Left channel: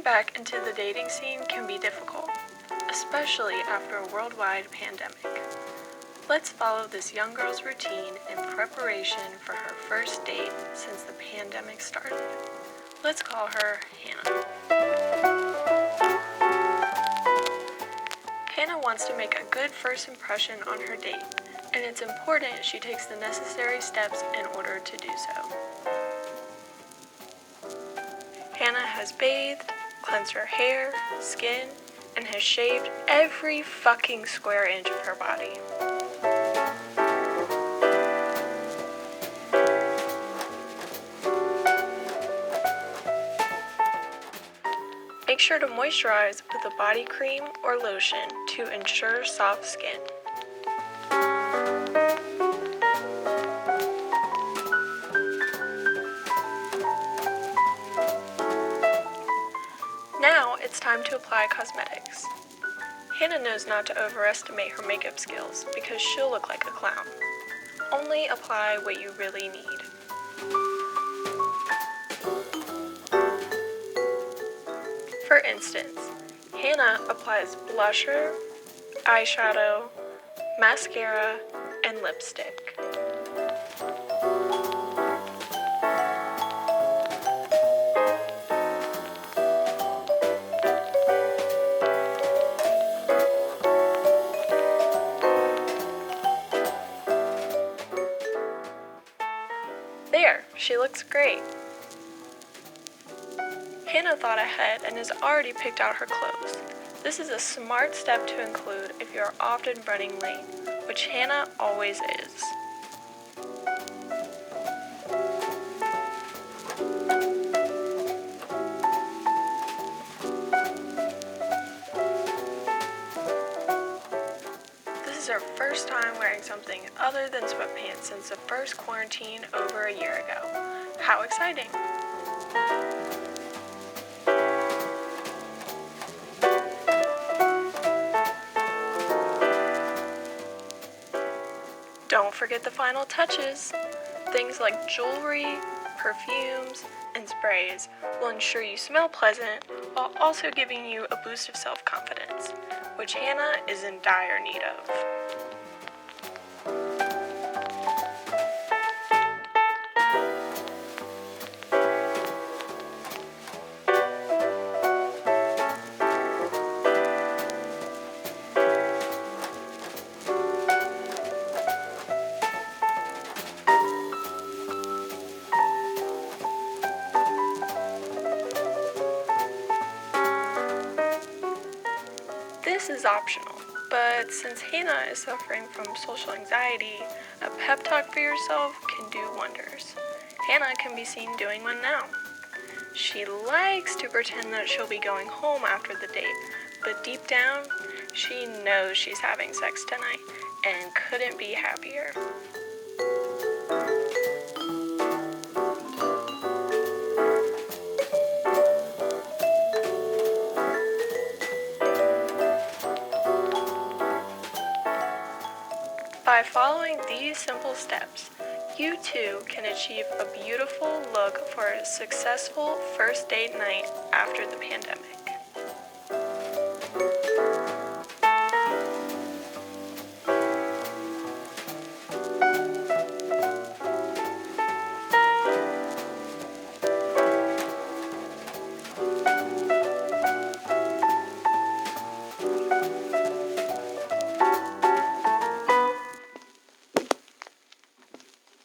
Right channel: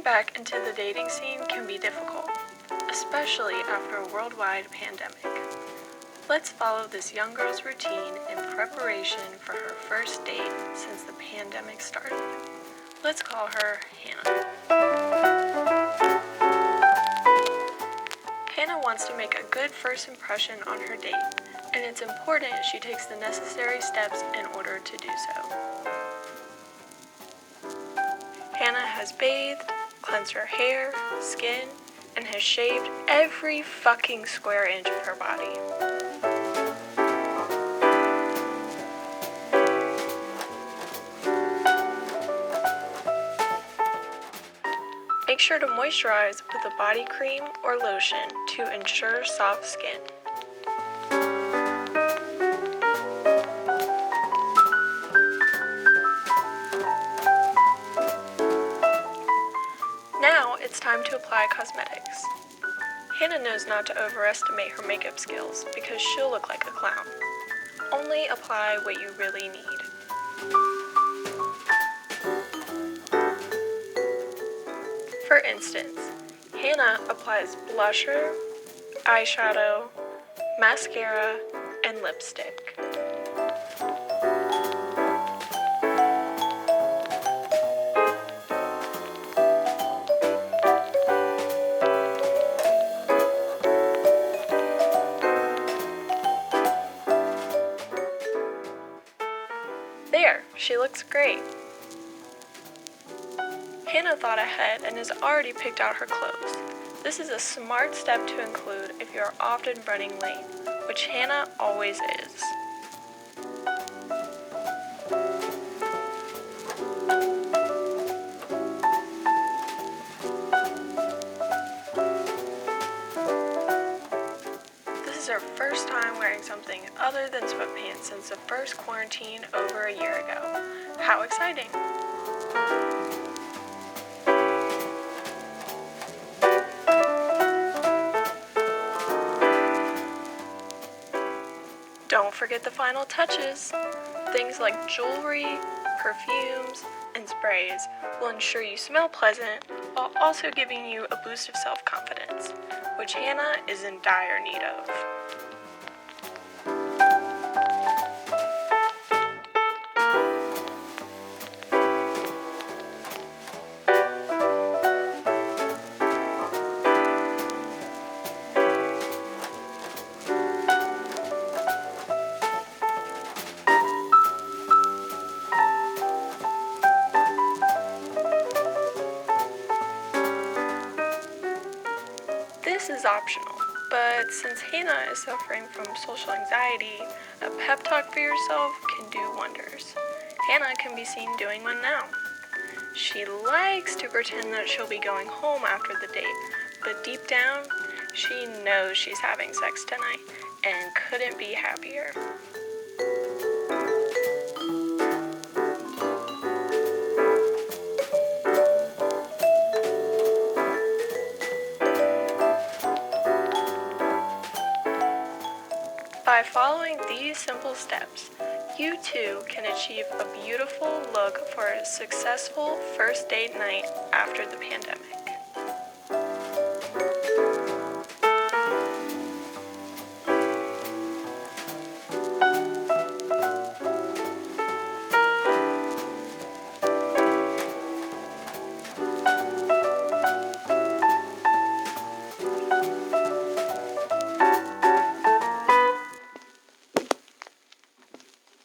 Getting back into the dating scene can be difficult, especially after a worldwide pandemic. Let's follow this young girl's routine in preparation for her first date since the pandemic started. Let's call her Hannah. Hannah wants to make a good first impression on her date, and it's important she takes the necessary steps in order to do so. Hannah has bathed, cleansed her hair, skin, and has shaved every fucking square inch of her body. Make sure to moisturize with a body cream or lotion to ensure soft skin. Now it's time to apply cosmetics. Hannah knows not to overestimate her makeup skills because she'll look like a clown. Only apply what you really need. For instance, Hannah applies blusher, eyeshadow, mascara, and lipstick. There, she looks great. Hannah thought ahead and has already picked out her clothes. This is a smart step to include if you are often running late, which Hannah always is. This is her first time wearing something other than sweatpants since the first quarantine over a year ago. How exciting! Don't forget the final touches. Things like jewelry, perfumes, and sprays will ensure you smell pleasant while also giving you a boost of self-confidence, which Hannah is in dire need of. This is optional, but since Hannah is suffering from social anxiety, a pep talk for yourself can do wonders. Hannah can be seen doing one now. She likes to pretend that she'll be going home after the date, but deep down, she knows she's having sex tonight and couldn't be happier. By following these simple steps, you too can achieve a beautiful look for a successful first date night after the pandemic.